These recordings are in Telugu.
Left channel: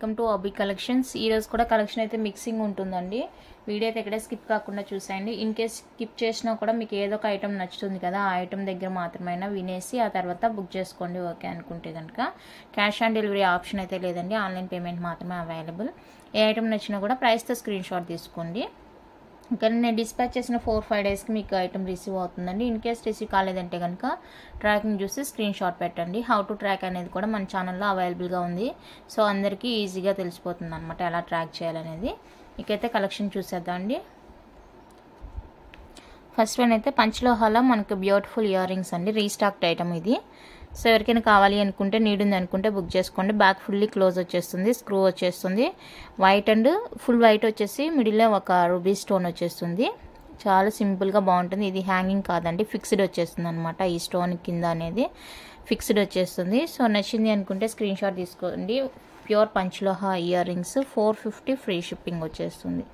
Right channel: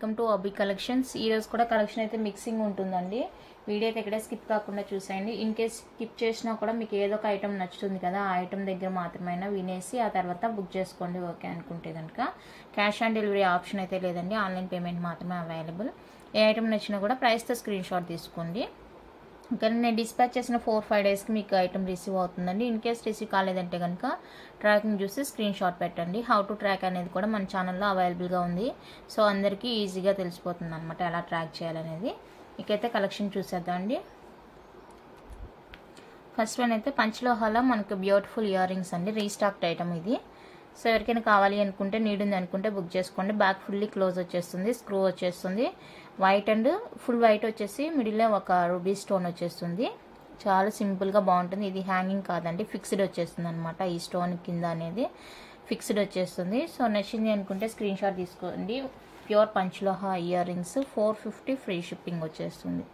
Welcome to ఆబీ collections. ఈ రోజు కూడా కలెక్షన్ అయితే మిక్సింగ్ ఉంటుందండి. వీడియో అయితే ఎక్కడ స్కిప్ కాకుండా చూసేయండి. ఇన్ కేస్ స్కిప్ చేసినా కూడా మీకు ఏదో ఒక ఐటమ్ నచ్చుతుంది కదా, ఆ ఐటమ్ దగ్గర మాత్రమైనా వినేసి ఆ తర్వాత బుక్ చేసుకోండి. ఓకే అనుకుంటే కనుక క్యాష్ ఆన్ డెలివరీ ఆప్షన్ అయితే లేదండి, ఆన్లైన్ పేమెంట్ మాత్రమే అవైలబుల్. ఏ ఐటమ్ నచ్చినా కూడా ప్రైస్తో స్క్రీన్ షాట్ తీసుకోండి. ఇంకా నేను డిస్పాచ్ చేసిన 4-5 డేస్కి మీకు ఐటమ్ రిసీవ్ అవుతుందండి. ఇన్ కేస్ రిసీవ్ కాలేదంటే కనుక ట్రాకింగ్ చూసి స్క్రీన్ షాట్ పెట్టండి. హౌ టు ట్రాక్ అనేది కూడా మన ఛానల్లో అవైలబుల్గా ఉంది. సో అందరికీ ఈజీగా తెలిసిపోతుంది అనమాట ఎలా ట్రాక్ చేయాలనేది. ఇకైతే కలెక్షన్ చూసేద్దాం అండి. ఫస్ట్ వన్ అయితే పంచలోహాలో మనకు బ్యూటిఫుల్ ఇయర్ రింగ్స్ అండి. రీస్టాక్డ్ ఐటమ్ ఇది. సో ఎవరికైనా కావాలి అనుకుంటే, నీడ్ ఉంది అనుకుంటే బుక్ చేసుకోండి. బ్యాక్ ఫుల్లీ క్లోజ్ వచ్చేస్తుంది, స్క్రూ వచ్చేస్తుంది. వైట్ అండ్ ఫుల్ వైట్ వచ్చేసి మిడిల్లో ఒక రూబీ స్టోన్ వచ్చేస్తుంది. చాలా సింపుల్గా బాగుంటుంది. ఇది హ్యాంగింగ్ కాదండి, ఫిక్స్డ్ వచ్చేస్తుంది అనమాట. ఈ స్టోన్ కింద అనేది ఫిక్స్డ్ వచ్చేస్తుంది. సో నచ్చింది అనుకుంటే స్క్రీన్ షాట్ తీసుకోండి. Pure panchaloha earrings 450 free shipping వచ్చేస్తుంది.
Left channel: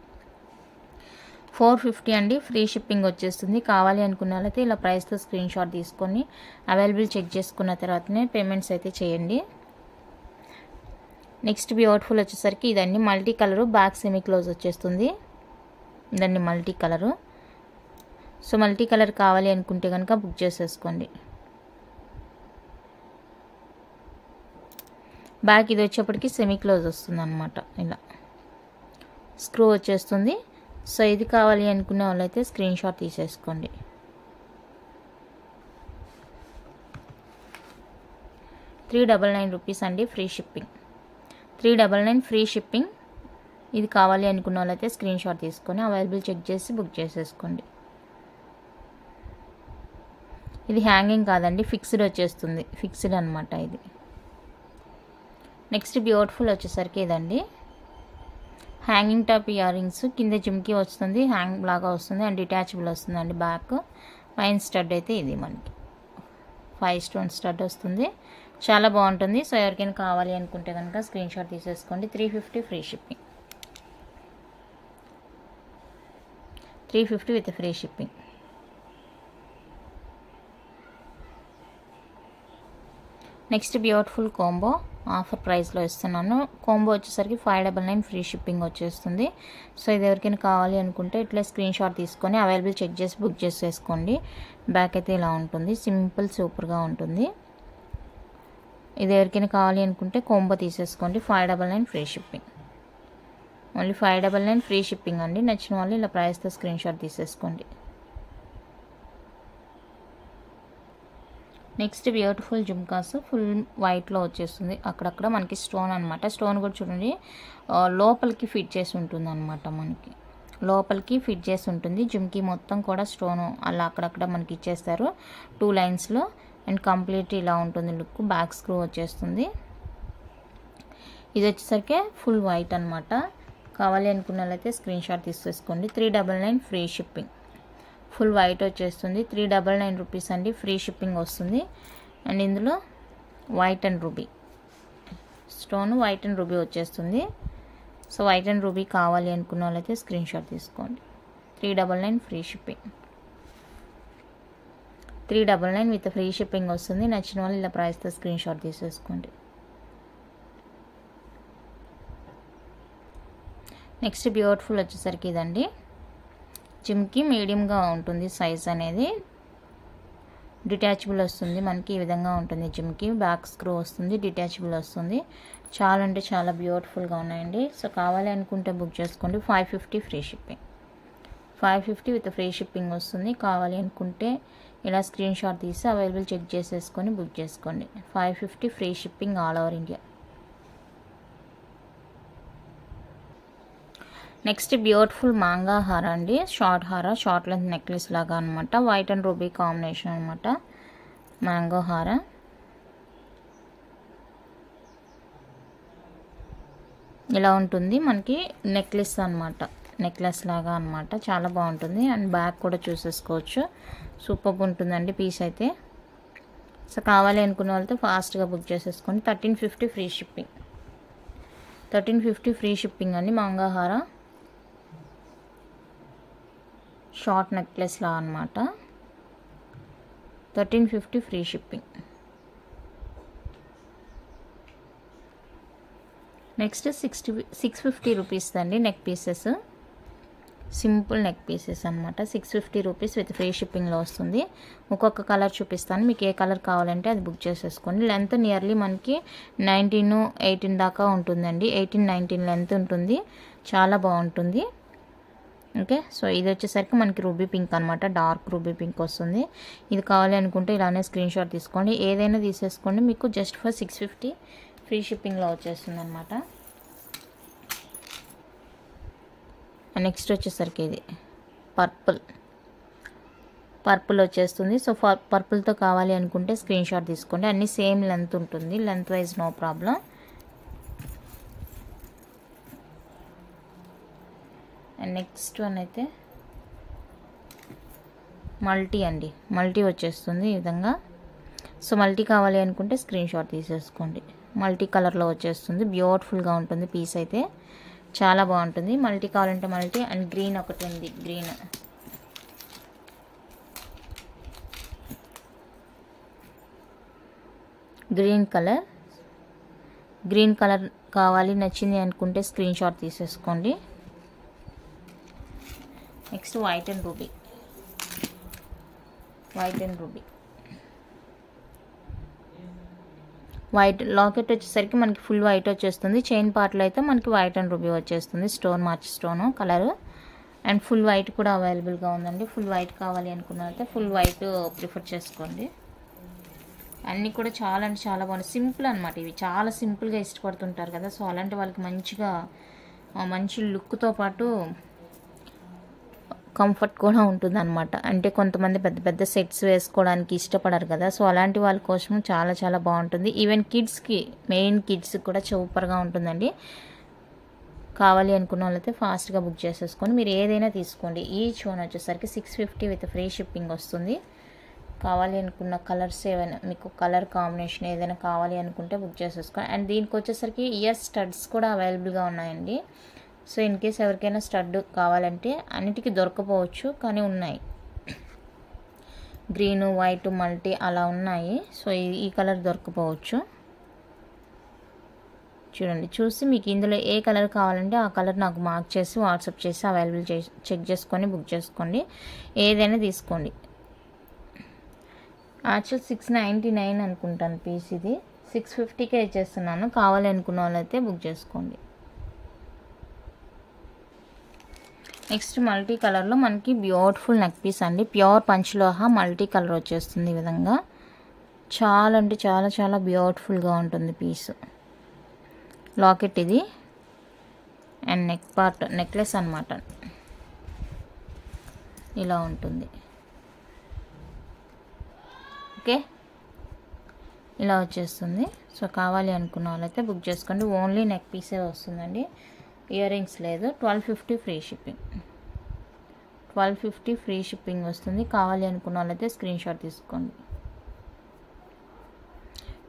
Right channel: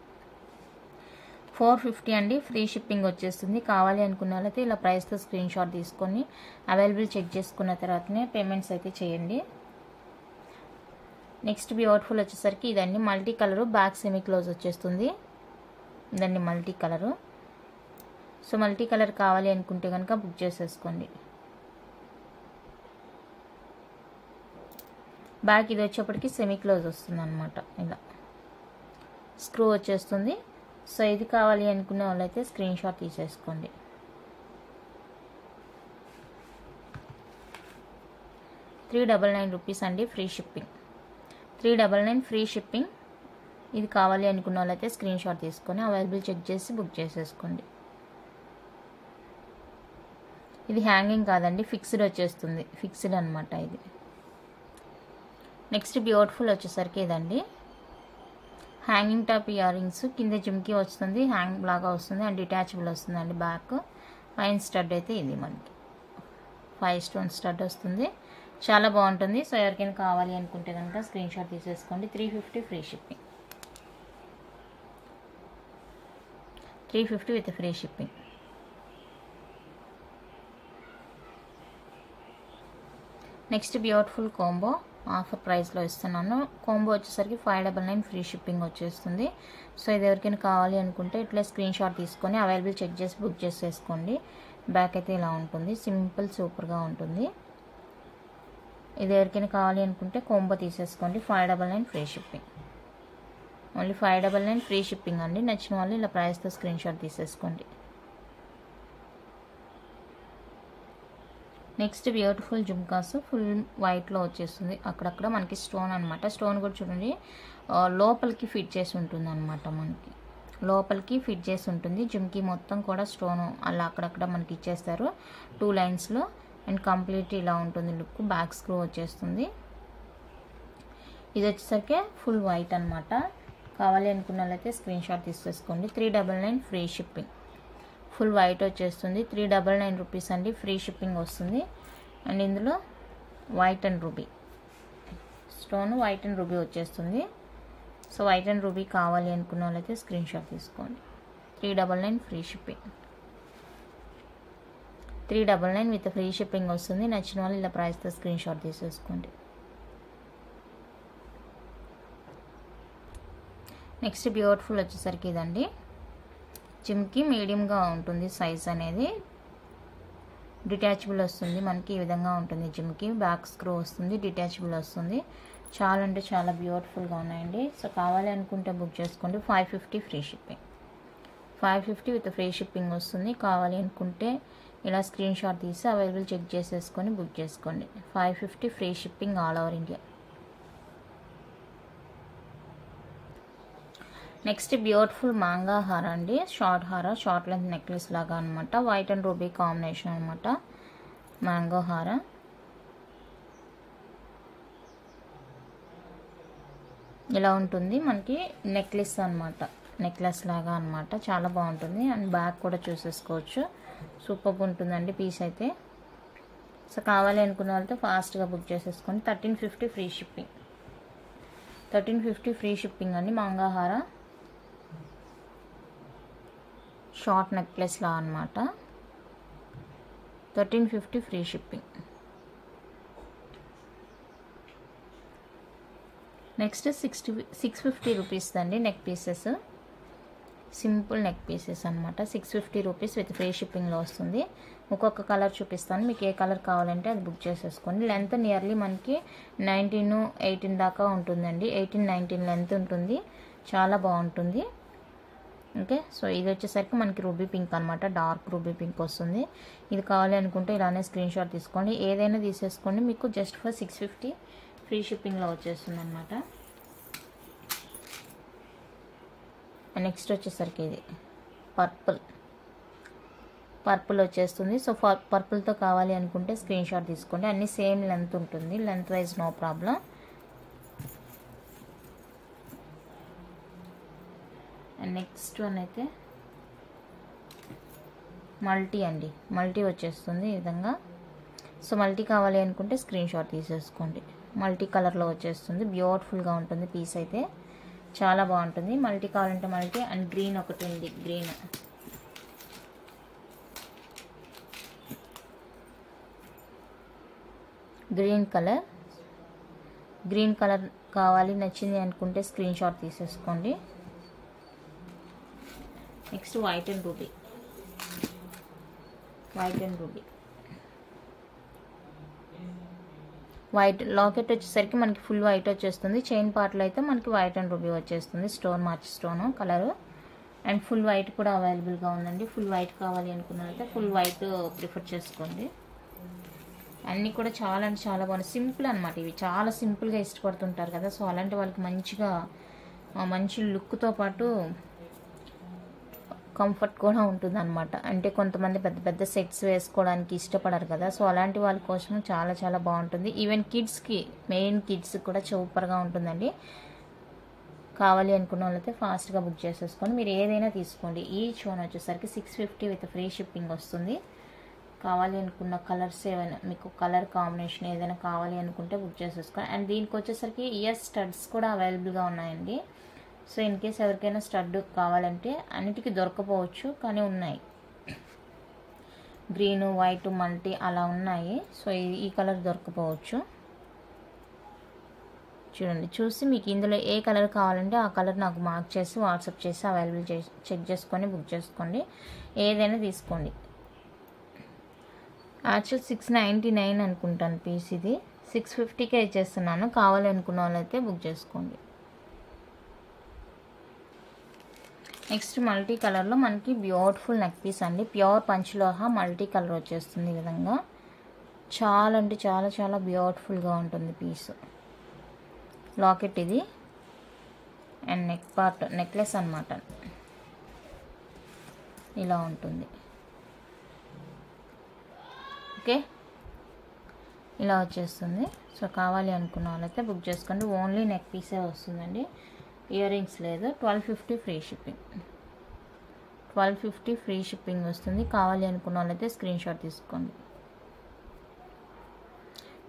450 అండి, ఫ్రీ షిప్పింగ్ వచ్చేస్తుంది. కావాలి అనుకున్న వాళ్ళైతే ఇలా ప్రైస్తో స్క్రీన్ షాట్ తీసుకొని అవైలబుల్ చెక్ చేసుకున్న తర్వాతనే పేమెంట్స్ అయితే చేయండి. నెక్స్ట్ బ్యూటిఫుల్ వచ్చేసరికి ఇదండి, multi colour, back semi close వచ్చేస్తుంది. ఇదండి multi colour. So multi colour కావాలి అనుకుంటే కనుక బుక్ చేసేసుకోండి. బ్యాక్ ఇది వచ్చేప్పటికి సెమీ క్లోజ్ వస్తుంది అనమాట. ఇలా స్క్రూ వచ్చేస్తుంది. సో ఇది కావాలి అనుకునే వాళ్ళైతే స్క్రీన్ షాట్ తీసేసుకోండి. ₹399 అండి, ఫ్రీ షిప్పింగ్. 399 free shipping. ఇది కావాలి అనుకున్న వాళ్ళైతే స్క్రీన్ షాట్ తీసుకొని అవైలబుల్ చెక్ చేసి బుక్ చేసేసుకోండి. ఇది హ్యాంగింగ్ కాదండి, ఫిక్స్డ్ వచ్చేస్తుంది. ఫిక్స్డ్ అనమాట ఇది. నెక్స్ట్ బ్యూటిఫుల్ వచ్చేసరికి ఇదండి, హ్యాంగింగ్ టాప్ ఇయర్ రింగ్స్. కింద జిమ్కి వస్తుంది, హ్యాంగ్ లాగా వస్తుంది అండ్ డిటాచబుల్ వస్తుంది అండి. బ్యాక్ ఫైన్ స్టడ్ అయితే ఇది మనకి 5 స్టోన్ స్టడ్ వస్తుంది. చాలా బాగుంటుంది. సో ఎవరికైనా కావాలి అనుకుంటే కనుక స్క్రీన్ షాట్ తీసేసుకోండి. 350 free shipping. 350 with free shipping. Next beautiful combo offer ప్రైస్లో ఇస్తున్నాను. కాంబో వచ్చేసరికి 599 ఫ్రీ షిప్పింగ్ వచ్చేస్తుంది. సో ఇది ఎవరికైనా కావాలి అనుకుంటే ఇట్లా స్క్రీన్ షాట్ తీసుకొని అవైలబుల్ చెక్ చేసి బుక్ చేసేసుకోండి. బ్యాక్ అయితే ఇలా ఉంటుంది, సింపుల్ సూపర్గా ఉంటుంది. ఇది ఎవరికైనా కావాలి అనుకుంటే కాంబో తీసేసుకోండి. 599 free shipping. Only 599 free shipping అండి. నచ్చిన వాళ్ళు ఇలా ప్రైస్తో స్క్రీన్ షాట్ తీసేసుకోండి. నెక్స్ట్ బ్యూటిఫుల్ జుమ్కాస్ ఫుల్ వైట్లో వచ్చేస్తుంది. అక్కడక్కడ మనకి స్టోన్ అనమాట. స్టోన్ కూడా చూడండి లోపలికి ఫిట్ చేసి ఉంటుంది అనమాట. మనకి లోపలికి ఫిట్ చేసి ఉంటుంది. జుమ్కి మొత్తం కూడా స్టోన్ అలా అక్కడక్కడ మనకి ఇచ్చేస్తారు 2 లైన్స్లో. అండ్ కంప్లీట్ ఇలా ఉంటుంది లుక్. బ్యాక్ స్క్రూ వచ్చేస్తుంది. ఇది వచ్చేసరికి ఫుల్ వైట్ అనమాట. కావాలి అనుకున్న వాళ్ళైతే స్క్రీన్ షాట్ తీసేసుకోండి. 399 ఫ్రీ షిప్పింగ్. ఫుల్ వైట్ వచ్చేస్తుంది. 399 రూపీస్ అండి, ఫ్రీ షిప్పింగ్ వస్తుంది. అండ్ ఇందులో white and ruby stone, white and ruby వచ్చేస్తుంది. సో వైట్ అండ్ రూబీ కావాలి అనుకున్న వాళ్ళైతే స్క్రీన్ షాట్ తీసుకోండి. 399 free shipping. 399 with free shipping వస్తుంది. నచ్చిన వాళ్ళు ఇలా ప్రైస్తో స్క్రీన్ షాట్ తీసేసుకోండి. నెక్స్ట్ బ్యూటిఫుల్ వచ్చేసరికి ఇదండి, జిమ్కి మీడియంగా ఉంటుంది సైజ్ అనేది. డిటాచబుల్ వస్తుంది మనకి. ఈ విధంగా ఉంటుంది జిమ్కి. బ్యాక్ స్క్రూ వస్తుంది, డిటాచబుల్ వస్తుంది. చాలా అంటే చాలా బ్యూటిఫుల్గా ఉన్నాయండి. సో కావాలి అనుకుంటే బుక్ చేసుకోండి. 550 free shipping. 550 with free shipping వస్తుంది. కావాలి అనుకుంటే ఇలా స్క్రీన్ షాట్ తీసి అవైలబుల్ చెక్ చేసేసుకొని బుక్ చేసుకోండి. 550 free shipping all over India. Next beautiful mango హార అండి. షార్ట్ హార, షార్ట్ లెంత్ నెక్లెస్ లాగా అనమాట. వైట్ అండ్ రూబీ కాంబినేషన్ అనమాట. మ్యాంగో హార. ఇలా ఉంటుంది మనకి నెక్లెస్ అనమాట. నెక్లెస్ లాగా అనమాట. చాలా బాగుంటుంది. అండ్ బ్యాక్ కూడా చూసేసుకోవచ్చు. సూపర్గా ఉంటుందండి పీస్ అయితే. సో కావాలి అనుకున్న వాళ్ళతో ఫాస్ట్గా బుక్ చేసేసుకోండి. 1350 ఫ్రీ షిప్పింగ్. 1350 ఫ్రీ షిప్పింగ్ అండి. మాంగా హార షార్ట్ నెక్లెస్ లా అనమాట. 1350 ఫ్రీ షిప్పింగ్. నెక్స్ట్ 650 రూపీస్ అండి neck pieces, simple neck pieces అనమాట. 650 రూపీస్ విత్ ఫ్రీ షిప్పింగ్లో వస్తుంది. ఒక్కొక్క కలర్ చూపిస్తాను, మీకు ఏ కలర్ కావాలంటే అది బుక్ చేసేసుకోండి. లెంత్ నియర్లీ మనకి 19, 18 దాకా ఉంటుందండి. 18, 19 లెంత్ ఉంటుంది, చాలా బాగుంటుంది. ఓకే, సో ఇది వచ్చేసరికి మనకి రూబీ పింక్ అనమాట, డార్క్ రూబీ పింక్ వస్తుంది. ఇది కావాలి అనుకుంటే ఇలానే స్క్రీన్ షాట్ తీసుకోండి, ఏదైనా తీసేసుకోండి. మీకు జస్ట్ ఫర్ 650 ఫ్రీ షిప్పింగ్లో వచ్చేస్తుంది అనమాట. నెక్స్ట్ వచ్చేసరికి ఇది పర్పుల్ వచ్చేస్తుంది. సో పర్పుల్తో కావాలి అనుకుంటే స్క్రీన్ షాట్ తీసుకోండి. అన్నీ సేమ్ లెంత్ ఉంటుంది, length wise no problem. And next one అయితే మల్టీ అండి, మల్టీ వచ్చేస్తుంది ఈ విధంగా. సో మల్టీ కావాలి అనుకుంటే స్క్రీన్ షాట్ తీసేసుకోండి. మల్టీ కలర్లో వచ్చేస్తుంది, బ్యూటిఫుల్గా ఉంటుంది పీస్ అయితే, చాలా బాగుంటుంది. మల్టీ కావాలంటే మల్టీ. అండ్ గ్రీన్ ఒకటి ఉంది, గ్రీన్ కలర్ కావాలి నచ్చింది అనుకుంటే స్క్రీన్ షాట్ తీసేసుకోండి. Next white and ruby. White locket వచ్చేసరికి మనకి ఫుల్ వైట్ వచ్చేస్తుంది. చైన్ పార్ట్లో అయితే మనకి వైట్ అండ్ రూబీ వచ్చేస్తుంది, stone March stone colour. And full white కూడా అవైలబుల్గా ఉందండి. ఫుల్ వైట్ కావాలి అనుకున్నారైతే ఫుల్ వైట్ ప్రిఫర్ చేసుకోండి. అన్నీ కూడా చాలా అంటే చాలా బాగున్నాయి, సింపుల్ అనమాట. ఇవి చాలా సింపుల్గా ఇష్టపడుతుంటారు కదా, సో అలాంటి వాళ్ళకి మంచిగా మంచి లుక్తో పాటు కంఫర్ట్ కూడా ఉంటుంది అనమాట. అంటే కొంతమంది పెద్ద పెద్ద సెట్స్ వేసుకోవడానికి ఇష్టపడరు కదా, సో అలాంటి వాళ్ళ కోసం చాలా చాలా బాగుంటుంది. ఈవెన్ కిడ్స్కి, మెయిన్ కిడ్స్కి కూడా సూపర్గా ఉంటుందండి. కావాలి అనుకున్న వాళ్ళైతే ఫాస్ట్గా బుక్ చేసేసుకొని మీరు ఏదైనా తీసుకోండి. ఈచ్ వన్ వచ్చేసరికి 650 విత్ ఫ్రీ షిప్పింగ్ వస్తుంది. కావాలి అనుకున్న కలర్స్ ఏమైనా, మీకు కలర్ కాంబినేషన్ ఏదైనా కావాలి అనుకుంటే బుక్ చేసేసుకోండి. అండ్ దీనికి వచ్చేసరికి ఇయర్ స్టడ్స్ కూడా అవైలబుల్గా ఉన్నాయండి. సో ఇన్ కేస్ ఎవరికైనా స్టడ్ కావాలంటే, అన్నిటికీ దొరకపోవచ్చు కానీ ఉన్నాయి, గ్రీన్, వైట్, మల్టీ అలా ఉన్నాయి. సో ఈ కలర్ దొరకపోవచ్చు. చూడండి, చూసి మీకు ఇందులో ఏ కలర్ కావాలంటే ఆ కలర్ నాకు మార్క్ చేసి వాట్సాప్ చేసి అవైలబుల్ చేసి చెక్ చేసుకొని బుక్ చేసుకోండి, ఏదైనా తీసుకోండి. యాక్చువల్ 699 అనుకుంటాను పీస్, ఇది 650కే ఇచ్చేస్తున్నాను. కావాలి అనుకున్న వాళ్ళైతే బుక్ చేసుకోండి. నెక్స్ట్ మల్టీ కలర్లో మనకి బ్యూటిఫుల్ నెక్ పీస్ అండి, ప్యూర్ పంచ్లోహ మల్టీ కలర్ వచ్చేస్తుంది ఈ విధంగా. చాలా అంటే చాలా చాలా బ్యూటిఫుల్గా ఉంటుంది పీస్. లాకెట్ ఇది, అండ్ నెక్ పార్ట్ నెక్లెస్ అనమాట, ఇలా ఉంటుంది. ఓకే, ఇలా వచ్చేస్తుంది. సో కావాలి అనుకున్న వాళ్ళైతే బుక్ చేసుకోండి. ఓన్లీ నెక్ పీసే వస్తుందండి, ఇయర్ రింగ్స్ లేదు. 1250 ఫ్రీ షిప్పింగ్, 1250 ఫ్రీ షిప్పింగ్ వస్తుంది. కావాలి అనుకున్న వాళ్ళైతే స్క్రీన్ షాట్ తీసుకోండి.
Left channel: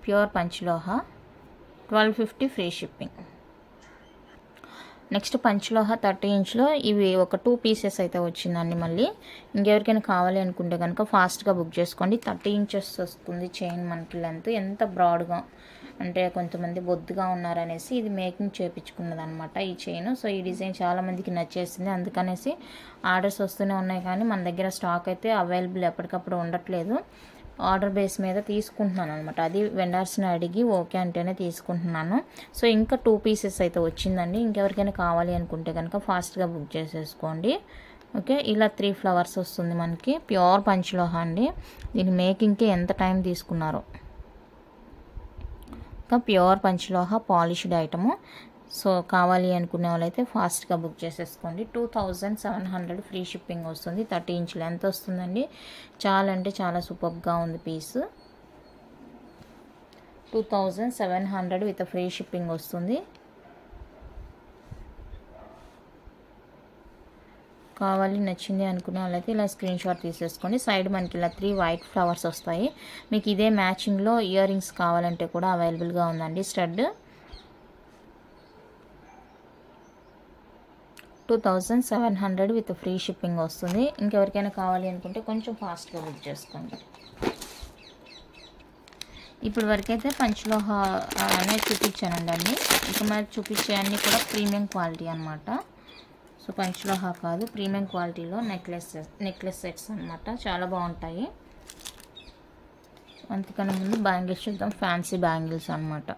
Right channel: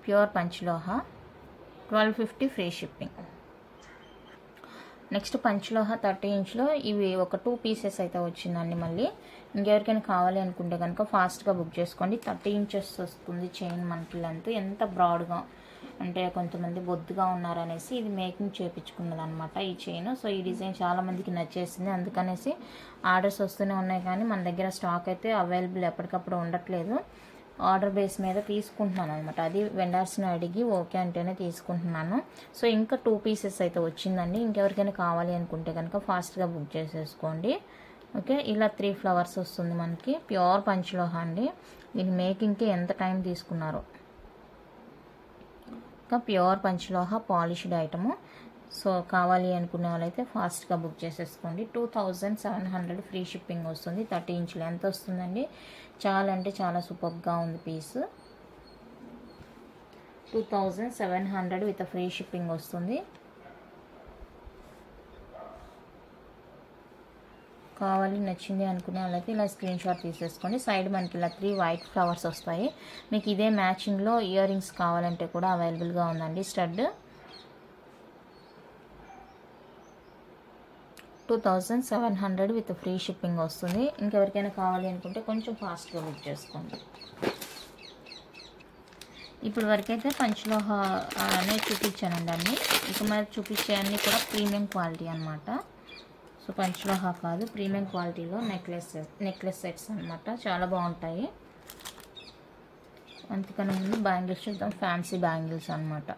Pure panchaloha 1250 free shipping. Next panchaloha 30 ఇంచ్లో ఇవి ఒక 2 పీసెస్ అయితే వచ్చిందండి. మళ్ళీ ఇంకెవరికైనా కావాలి అనుకుంటే కనుక ఫాస్ట్గా బుక్ చేసుకోండి. 30 ఇంచెస్ వస్తుంది చైన్ మనకి లెంత్. ఎంత బ్రాడ్గా అంటే కొంతమంది బొద్దుగా ఉన్నారనేసి ఇది మేకింగ్ చేయించుకున్నది అనమాట ఈ చైన్. సో ఈ డిజైన్ చాలా మందికి నచ్చేసింది, అందుకనేసి ఆర్డర్స్ వస్తూనే ఉన్నాయి. కానీ మన దగ్గర స్టాక్ అయితే అవైలబుల్ ఎప్పటికప్పుడు ఉండట్లేదు. ఆర్డర్ బేస్ మీద తీసుకుంటున్నాను అనమాట, అది వెండర్స్ని అడిగి ఓకే అంటేనే తీసుకుంటున్నాను. సో ఇంకా 2 పీసెస్ అయితే వచ్చిందండి. ఇంకెవరికైనా కావాలి అనుకుంటే కనుక ఫాస్ట్గా బుక్ చేసేసుకోండి. ఓకే, ఇలా 3 ఫ్లవర్స్ వస్తుంది మనకి, ప్యూర్ పంచ్లోహ అండి. దీని మేకింగ్కి ఎంత టైం తీసుకున్నారో. ఇంకా ప్యూర్ పంచ్లోహ పాలిష్డ్ ఐటము. సో కావాలి అనుకునే వాళ్ళైతే ఫాస్ట్గా బుక్ చేసేసుకోండి. 2700 ఫ్రీ షిప్పింగ్ వస్తుంది. 30 ఇంచ్ లెంత్ వస్తుందండి. చాలా అంటే చాలా సూపర్గా ఉంది పీస్. 2700 విత్ ఫ్రీ షిప్పింగ్ వస్తుంది. కావాలి నచ్చింది అనుకునే వాళ్ళైతే ఇలా స్క్రీన్ షాట్ తీసేసుకోండి. సైడ్ మనకి ఇలా 3 వైట్ ఫ్లవర్స్ వస్తాయి. మీకు ఇదే మ్యాచింగ్లో ఇయర్ రింగ్స్ కావాలంటే కూడా అవైలబుల్గా ఉందండి. స్టడ్ 2700 విత్ ఫ్రీ షిప్పింగ్ వస్తుంది. ఇంకెవరికైనా కావాలి అనుకుంటే కొంచెం ఫాస్ట్గా బుక్ చేసుకోండి. ఇప్పుడు వరకైతే పంచలోహ అనేది చూపించానండి అన్ని. ఇక మరి చూపించే అన్నీ కూడా ప్రీమియం క్వాలిటీ అనమాట. సో పంచలోహ కాదు, ప్రీమియం క్వాలిటీలో నెక్లెస్ సెట్స్ అనమాట. చాలా బాగుంటాయి. అంతకన్నా ముందు బ్యాంగిల్స్ చూద్దాం. ఫ్యాన్సీ బ్యాంగిల్స్ అనమాట.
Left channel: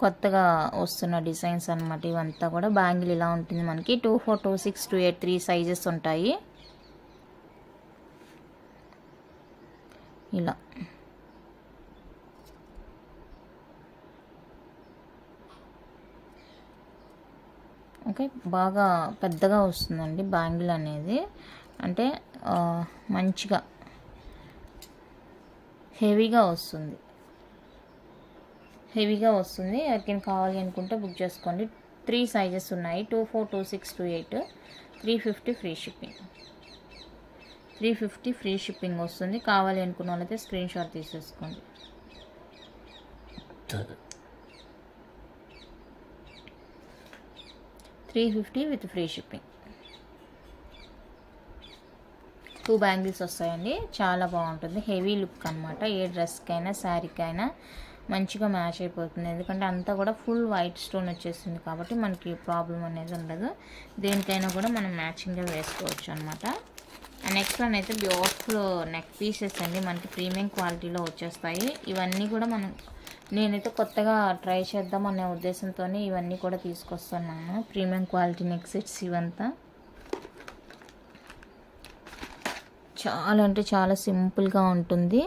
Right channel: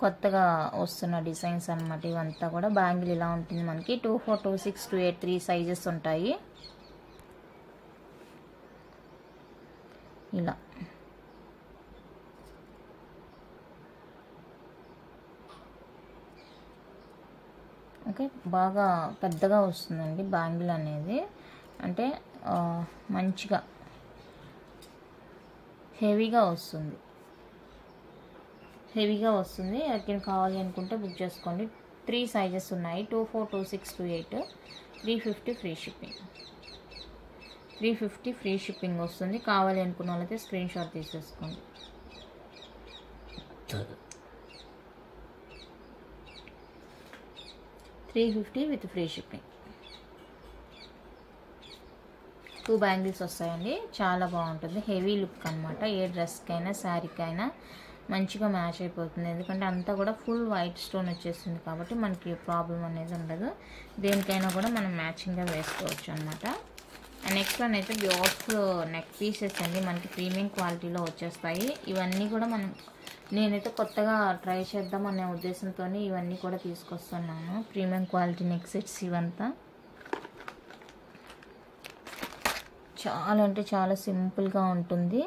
కొత్తగా వస్తున్న డిజైన్స్ అనమాట ఇవంతా కూడా. బ్యాంగిల్ ఇలా ఉంటుంది మనకి. 24, 26, 28, 3 సైజెస్ ఉంటాయి. ఇలా ఓకే, బాగా పెద్దగా వస్తుందండి బ్యాంగిల్ అనేది. అంటే మంచిగా హెవీగా వస్తుంది. ఎవరికైనా కావాలి అనుకుంటే బుక్ చేసుకోండి. 3 సైజెస్ ఉన్నాయి. 24, 26, 28, 350 ఫ్రీ షిప్పింగ్. 350 ఫ్రీ షిప్పింగ్ వస్తుంది. కావాలి అనుకున్న వాళ్ళైతే స్క్రీన్ షాట్ తీసేసుకోండి. 350 విత్ ఫ్రీ షిప్పింగ్. 2 బ్యాంగిల్స్ వస్తాయండి. చాలా బాగుంటుంది. హెవీ లుక్ అనమాట. ఏ డ్రెస్కైనా శారీకైనా మంచిగా మ్యాచ్ అయిపోతుంది. ఎందుకంటే అంతా కూడా ఫుల్ వైట్ స్టోన్ వచ్చేస్తుంది కాబట్టి మనకి ప్రాబ్లం అనేది ఉండదు. దేనికైనా కూడా మనం మ్యాచింగ్గా వేసుకోవచ్చు అనమాట. నెక్స్ట్ వన్ అయితే బ్యూటిఫుల్ నెక్ పీసెస్ అండి. మనకి ప్రీమియం క్వాలిటీలో వచ్చేస్తాయి. ఇవన్నీ కూడా నేనైతే కొత్తగా ట్రై చేద్దాం అనే ఉద్దేశంతో ఇవన్నీ కూడా తీసుకొస్తున్నాను. ప్రీమియం క్వాలిటీ నెక్ సెట్స్ ఇవంతా చాలా అంటే చాలా సింపుల్గా ఉంటుంది.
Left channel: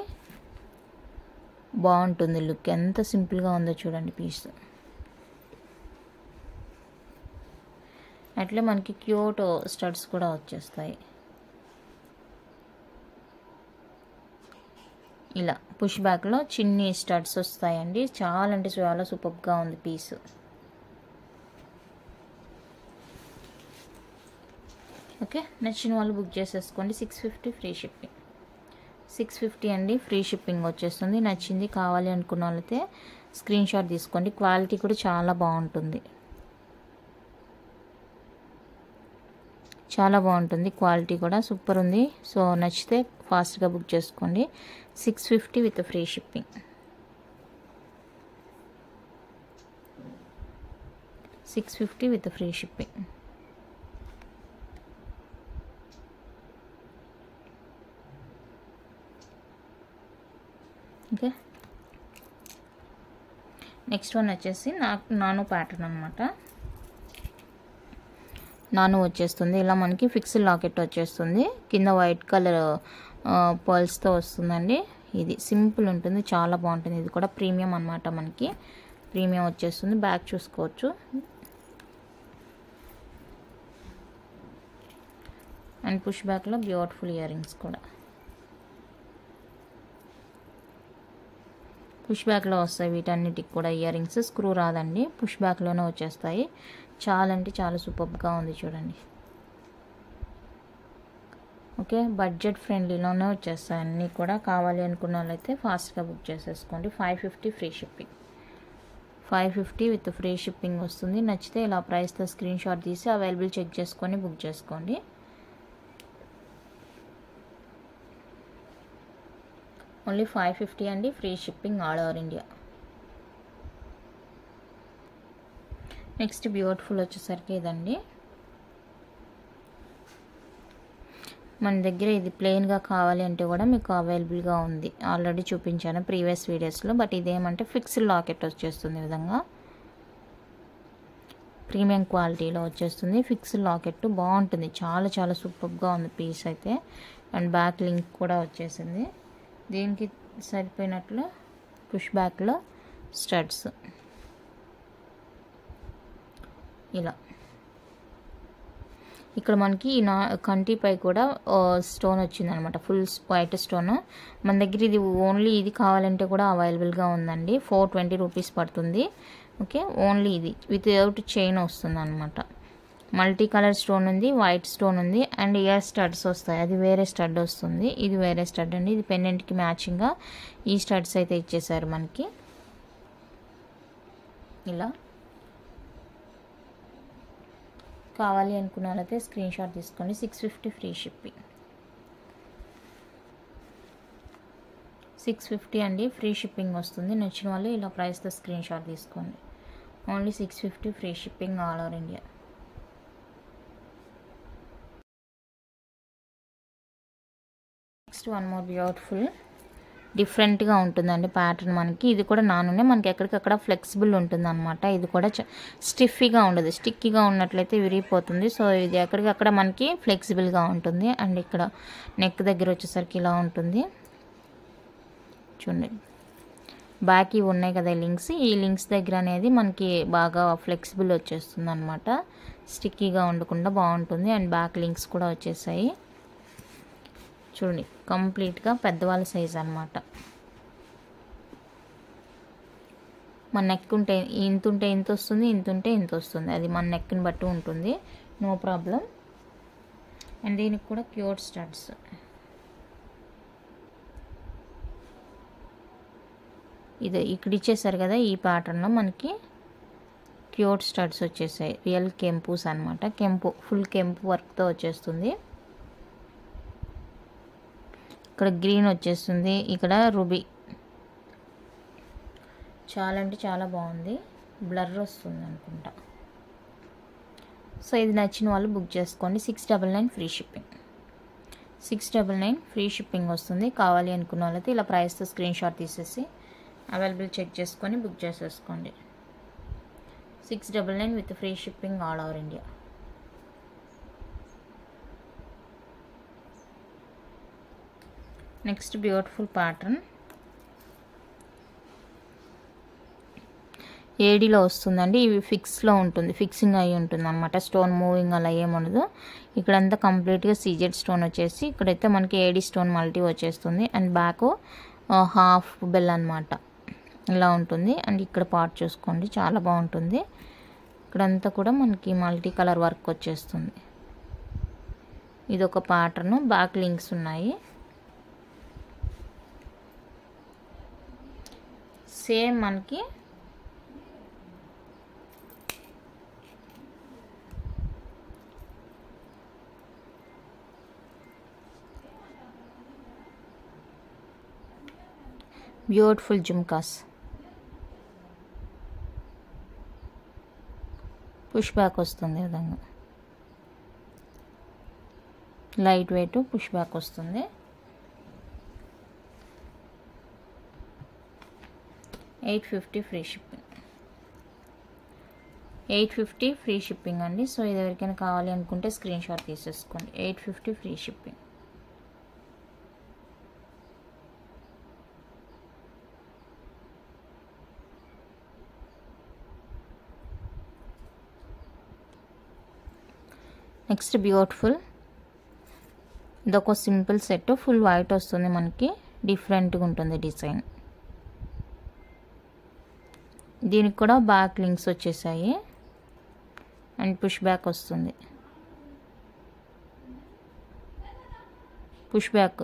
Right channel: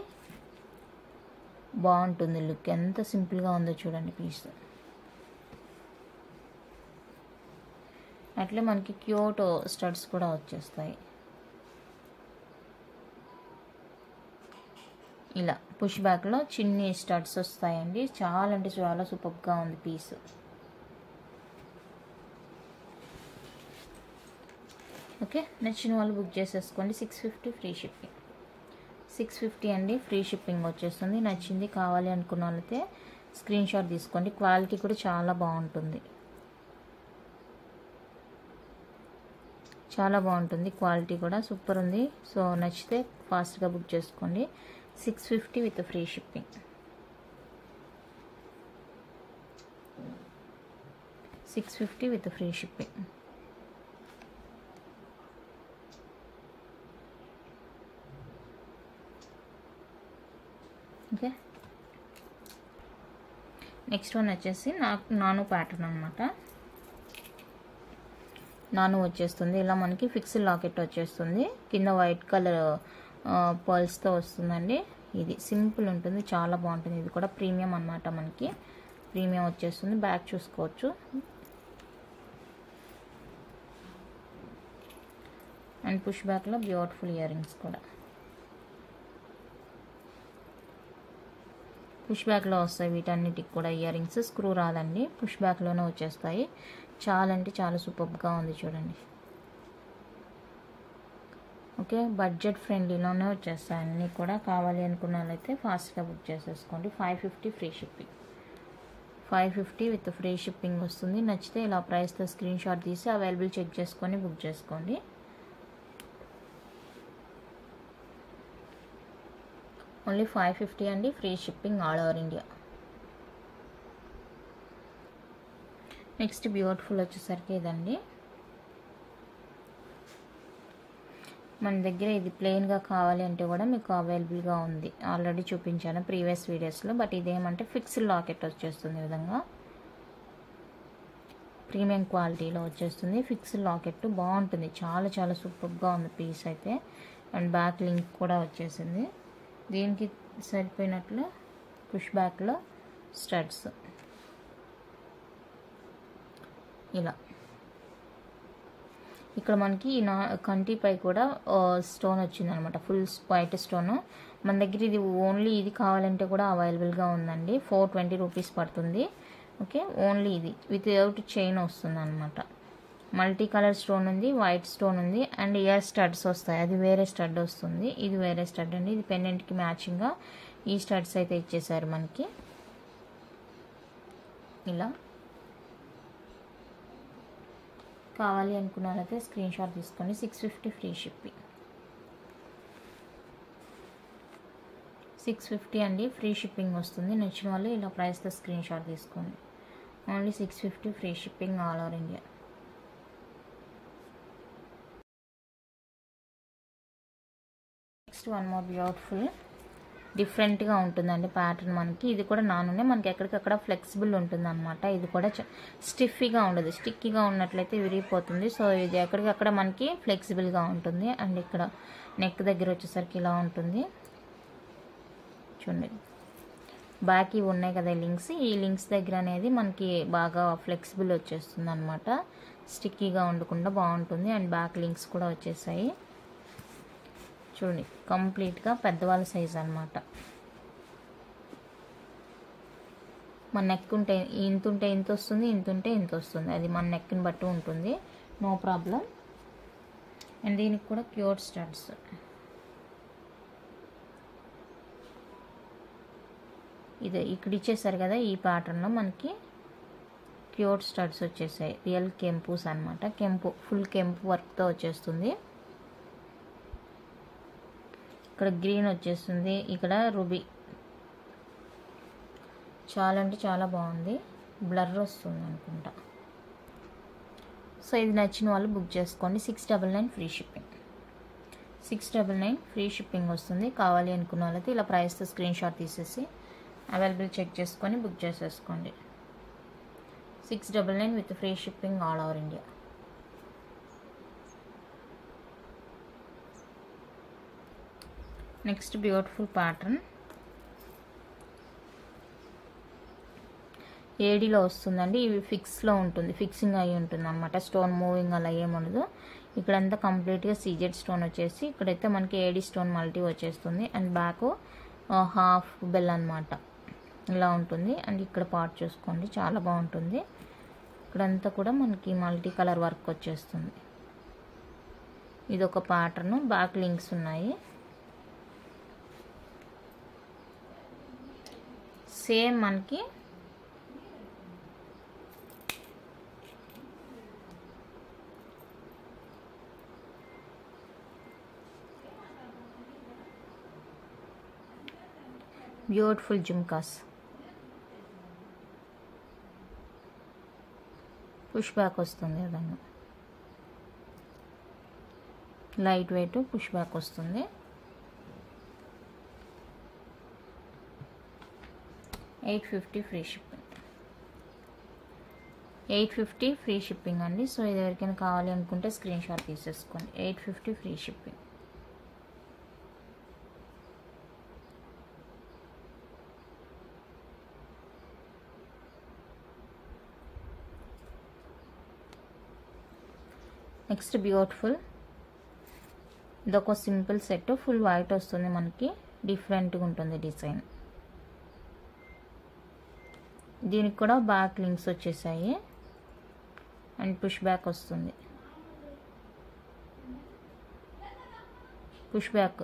బాగుంటుంది లుక్. ఎంత సింపుల్గా ఉందో చూడండి పీస్. అట్లే మనకి క్యూట్ స్టడ్స్ కూడా వచ్చేస్తాయి. ఇలా పుష్ బ్యాక్లో చిన్ని స్టడ్స్ వస్తాయండి. చాలా అంటే చాలా సూపర్గా ఉంది పీస్. ఓకే, నచ్చిన వాళ్ళు బుక్ చేసేసుకోండి. 650 ఫ్రీ షిప్పింగ్. 650 అండి, ఫ్రీ షిప్పింగ్ వచ్చేస్తుంది. నచ్చింది కావాలి అనుకున్న వాళ్ళైతే స్క్రీన్ షాట్ తీసుకోండి. క్వాలిటీ కూడా చాలా బాగుంటుంది. చాలా బాగుంటుంది. క్వాలిటీ కూడా సూపర్ ఉంది. సో నచ్చితే ఫాస్ట్గా బుక్ చేసుకోండి. 650 with free shipping. 650 with free shipping. Okay, next one వచ్చేసి నానో ప్యాటర్న్ అనమాట. నానో వచ్చేస్తుంది. ఇలా మనకి ఫిక్స్డ్ లాకెట్ వచ్చేస్తుంది. కింద వైట్ కలర్ పర్ల్స్తో వస్తుందండి. ఇది సింపుల్ ఉంటుంది. చాలా బాగుంటుంది. ఇది కూడా ప్రీమియం అనమాట. మనకి ప్రీమియం వచ్చేస్తుంది. బ్యాక్ చూసుకోవచ్చు. అండ్ పుష్ బ్యాక్లో బ్యూటిఫుల్ ఇయర్ రింగ్స్ కూడా పుష్ బ్యాక్లో వస్తాయి. వీటన్నిటికి కూడా ఇయర్ రింగ్స్. స్క్రూ రాదండి, పుష్ బ్యాక్లోనే వచ్చేస్తాయి. చాలా అంటే చాలా సూపర్గా ఉంది చూడండి. ఓకే, బడ్జెట్ ఫ్రెండ్లీలోనే వచ్చేస్తాయి అన్నీ కూడా. కావాలి అనుకున్న వాళ్ళైతే ఫాస్ట్గా బుక్ చేసేసుకోండి. 550 free shipping. 550 with free shipping వస్తుంది. నచ్చితే ఇలా ప్రైస్తో స్క్రీన్ షాట్ తీసి అవైలబుల్ చెక్ చేసుకొని బుక్ చేసుకోండి. ఓన్లీ 550 అండి, free shipping all over India. Next beautiful వచ్చేసరికి ఇదండి. మన దగ్గర ఇది ప్లెయిన్గా కావాలి అంటే కూడా మీకు అవైలబుల్గా ఉంది. ఆల్రెడీ చూపించాను ప్రీవియస్ వీడియోస్లో. బట్ ఇదేమంటే ఫిక్స్డ్ లాకెట్ వచ్చేస్తుంది. ఈ విధంగా ప్రీమియం క్వాలిటీలో వచ్చేస్తుంది. ఫిక్స్డ్ లాకెట్ బాగుంటుంది. చాలా చాలా సూపర్గా ఉంది పీస్ అయితే. అండ్ బ్యాక్ లింక్ కూడా వచ్చేసింది. దీనికి సరిపోయినట్లు పుష్ బ్యాక్లో స్టడ్స్ ఇలా. ఇక్కడ మనకి కంటిపై కూడా స్టోన్ వచ్చింది అనమాట. Full white stone. మన దగ్గర ఇది ఓన్లీ ఇది కావాలంటే కూడా అవైలబుల్గా ఉందండి. 420 రూపీస్ పడుతుంది. ఓకే, ఓన్లీ ఇది వితౌట్ చైన్ వస్తుంది అనమాట. మల్టీ కలర్ స్టోన్ ఉంది, వైట్ స్టోన్ ఉంది, అండ్ ఇయర్ స్టడ్స్ వస్తాయి. అది వేరే స్టడ్ వస్తుంది, ఇది వేరే స్టడ్ అండి. ఇది పెండెంట్కి మ్యాచింగ్గా ఈ స్టడ్స్ అయితే ఇచ్చేసారు మనకి. ఇలా కావాలి అనుకున్న వాళ్ళైతే స్క్రీన్ షాట్ తీసుకోండి. 650 ఫ్రీ షిప్పింగ్. 650 అండి, ఫ్రీ షిప్పింగ్ వస్తుంది. నచ్చిన వాళ్ళు ఇలా ప్రైస్తో స్క్రీన్ షాట్ తీసుకోండి. Only 650 free shipping all over India. Next one more beautiful డిఫరెంట్గా ఉంటుందండి ప్యాటర్న్ మనకి. ఇది కూడా నానునే మనకి ఎక్కడికక్కడ ఫ్లెక్సిబుల్ ఉంటుంది అనమాట. ఇది కూడా స్టిఫీగా ఉండదు, స్టిక్కీగా ఉన్నట్లయితే విరిగిపోతుంది. సో ఇది ఎక్కడికక్కడ మనకి ఫ్లెక్సిబుల్గా ఉంటుంది. అండ్ ఇక్కడ నెక్ దగ్గర వచ్చేసరికి ఇలా ఉంటుంది చూడండి. బ్యాక్ ఇవి ఉన్నాయి కదా లింక్స్, ఈ లింక్స్ దగ్గర అనేది మనకి బాగా ఫ్లెక్సిబుల్ వచ్చేస్తుంది అనమాట. స్టిక్కీగా ఉండకుండా బాగుంటుంది. అండ్ బ్యాక్ లింక్స్ కూడా వచ్చేసాయి చూడండి. కంప్లీట్గా పెద్దవాళ్ళ సైజ్ అనమాట. మన నెక్ ఉంటే ఇంత వస్తుంది, ఇంత ఉంటే ఇంత వస్తుంది. అది మన నెక్ని బట్టి ఉంటుంది, నో ప్రాబ్లం. అండ్ దీనికి కూడా క్యూట్ స్టడ్స్. ఇది ఇక్కడ ఇచ్చేసారు కదా, ఈ ప్యాటర్న్లో మనకి క్యూట్ స్టడ్స్ వచ్చేసాయి. రియల్ కెంపూస్ అనమాట. కెంపు ఫుల్ కెంపు వర్క్తో వచ్చేస్తుంది. ఇక్కడ గ్రీన్ వచ్చేస్తుంది, ఇక్కడ రూబీ. చాలా అంటే చాలా బాగుంది. బ్లర్ వస్తుంది అనుకుంటా. సో ఇది నచ్చిన వాళ్ళు బుక్ చేసుకోండి. 699 ఫ్రీ షిప్పింగ్. 699 ఫ్రీ షిప్పింగ్ వస్తుంది. కావాలి అనుకున్న వాళ్ళైతే ఇలా ప్రైస్తో స్క్రీన్ షాట్ తీసేసి అవైలబుల్ చెక్ చేసుకొని బుక్ చేసేసుకోండి. 699 with free shipping all over India. Next beautiful pattern ఏడీలో వస్తుందండి. ఇవి ఫిక్స్లో ఉంటుంది, ఫిక్సింగ్ అయి ఉంటుంది అనమాట. స్టోన్ మూవింగ్ అలా ఏముండదు. ఇక్కడంతా కంప్లీట్గా సీజెడ్ స్టోన్ వచ్చేసి ఇక్కడైతే మనకి ఏడీ స్టోన్ మల్టీ వచ్చేస్తుంది. అండ్ బ్యాక్ హాఫ్ బెల్ అనమాట, ఇలా ఉంటుంది. అండ్ ఇక్కడ పార్ట్ చూసుకోండి, చాలా బాగుంటుంది. ఇక్కడంతా కూడా మనకి మల్టీ కలర్ వర్క్ వచ్చేస్తుంది. ఇది ఒక ప్యాటర్న్. బ్యాక్ లింక్స్ ఉన్నాయి. సేమ్ మనకి బ్యూటిఫుల్ జుమ్కాస్. పుష్ బ్యాక్ వస్తుంది. విధంగా లైట్ వెయిట్ పుష్ బ్యాక్ వస్తుంది. 850 ఫ్రీ షిప్పింగ్. 850 ఫ్రీ షిప్పింగ్ అండి. సో ఇది ఎవరికైనా కావాలి అనుకుంటే స్క్రీన్ షాట్ తీసేసుకోండి. 850 ఫ్రీ షిప్పింగ్. నెక్స్ట్ బ్యూటిఫుల్ ఇదొక సింపుల్ సెట్. ఫుల్ వైట్ వస్తుంది మనకి. డిఫరెంట్గా ఉంటుంది డిజైన్. దీనికి కూడా బ్యాక్ లింక్స్ వచ్చేసాయి. అండ్ పుష్ బ్యాక్ వస్తుంది. Push back.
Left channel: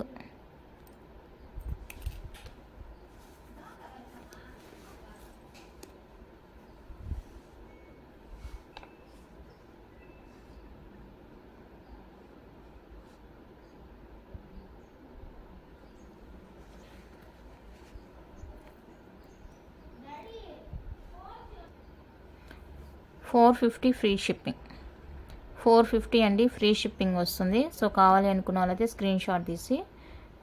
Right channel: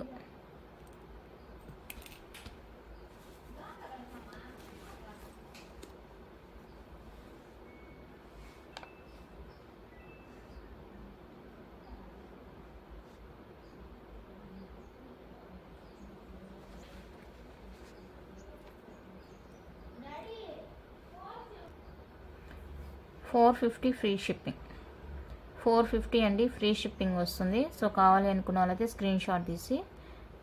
$450 free shipping. 450 అండి, ఫ్రీ షిప్పింగ్ వస్తుంది. సో కావాలి అనుకున్న వాళ్ళైతే స్క్రీన్ షాట్ తీసి